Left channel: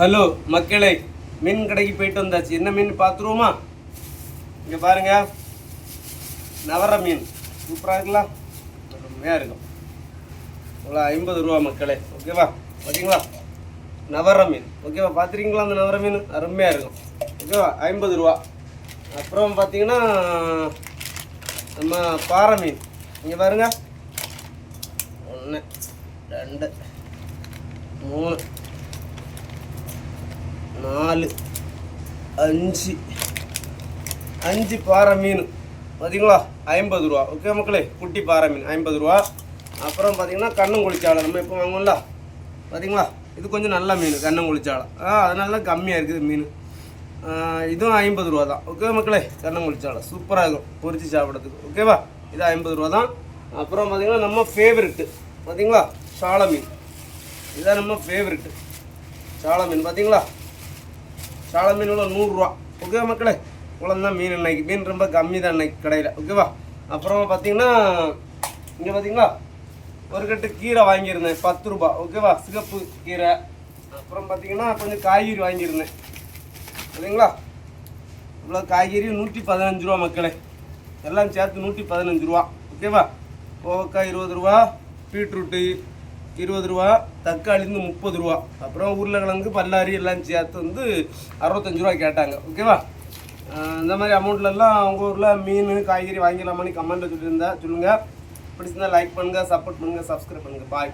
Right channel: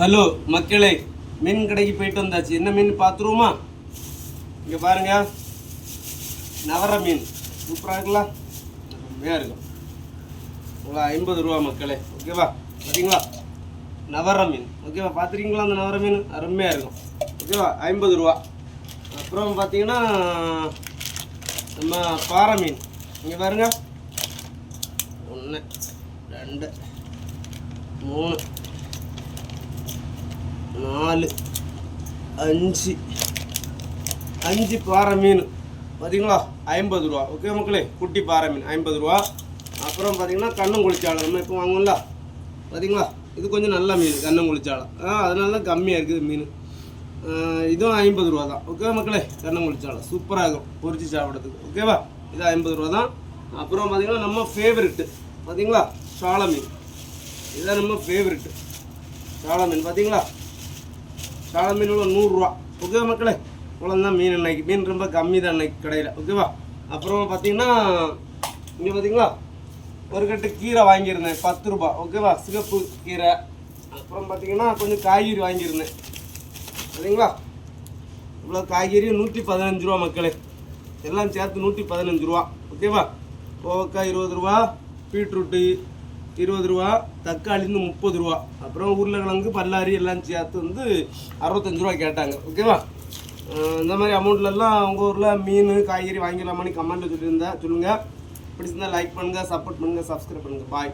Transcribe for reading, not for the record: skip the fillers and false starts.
Hello மக்களே, மீன் கடைக்கு போயிட்டு வந்தாச்சு. என்ன மீன் பார்த்துருவோமா? இங்கே பாருங்க, நவர மீன் சூப்பராக இருக்கலாம், அருமையாக இருக்கும். இவ்வளோ 50 ரூபா மக்களே. ஓகேவா? பார்த்தீங்களா? நவர மீன். ஓகேவா? பார்த்துருக்கீங்களா? அந்த நவர மீன் அருமையாக இருக்கும். ஓகேவா? 50 ரூபா. அப்புறம் பார்த்தீங்கன்னா நம்ம பாறை மீன். இங்கே பாருங்க, 1 2 3 4 5 பாறை மீன். பார்த்தீங்களா? 50 ரூபா. ஓகே மக்களே, குட்டி பாறை மீன் 50 ரூபா. அப்புறம் பார்த்தீங்கன்னா கண்ணங்குளிச்சாலை நம்ம இப்போ வாங்குவோம்ல, பார்த்தீங்களா? இது கொஞ்சம் நல்ல மீன், கண்ணங்குளிச்சாலை. அதனால தான் கம்மியாக இருக்குது மீன். இதுவும் 50 ரூபா தான். ஓகே மக்களே, கண்ணங்குளிச்சாலை சூப்பராக இருக்கும் பொரிச்சு சாப்பிட்றதுக்கு. ஓகேவா? இது 50 ரூபா தான். அப்புறம் பார்த்தீங்கன்னா நம்ம ஃபேவரெட்டு, பார்த்தீங்களா? சாலை மீன். இதுதான் நம்ம ஃபேவரெட்டு, சாலை மீன். பார்த்தீங்களா? சாலை மீனோட 100 ரூபா. ஓகே மக்களே, இவ்வளோதான் மீன். அன்னைக்கு மீன் ரொம்ப கம்மி தான் அன்னைக்கு கடையில். ஓகேவா? அப்புறம் பார்த்தீங்கன்னா இங்கே பார்த்தீங்களா, ஒரு கட்டு கீரை வாங்கியிருந்தேன் 10 ரூபா. ஓகேவா? சிகப்பு கீரை. அப்புறம் பார்த்தீங்கன்னா கொஞ்சம் காய்கறி வாங்கியிருந்தேன். சரிங்களா? இவ்வளோ காய்கறி 115 ரூபா மக்களே, எல்லாம் சேர்த்து 115 ரூபா. ஓகேவா? கோவக்காய் 20 ரூபா, பீட்ரூட்டு 20 ரூபா, தக்காளி 30 ரூபா, அப்புறம் உருளைக்கிழங்கு பல்லாரி எல்லாம் சேர்த்து 65 ரூபா கேட்டாங்க. ஓகேவா? இந்த மாதிரி அமௌண்ட்லலாம் உங்கள் ஊரில் மீன் காய்கறி வாங்கிடலாமான்னு கமெண்ட்டில் சொல்லியிருந்தேன். சொல்லுங்கள். பிடிச்சிருந்தால் லைக் பண்ணுங்கள், சப்போர்ட் பண்ணுங்கள், சப்ஸ்கிரைப் பண்ணுங்கள். பாய்.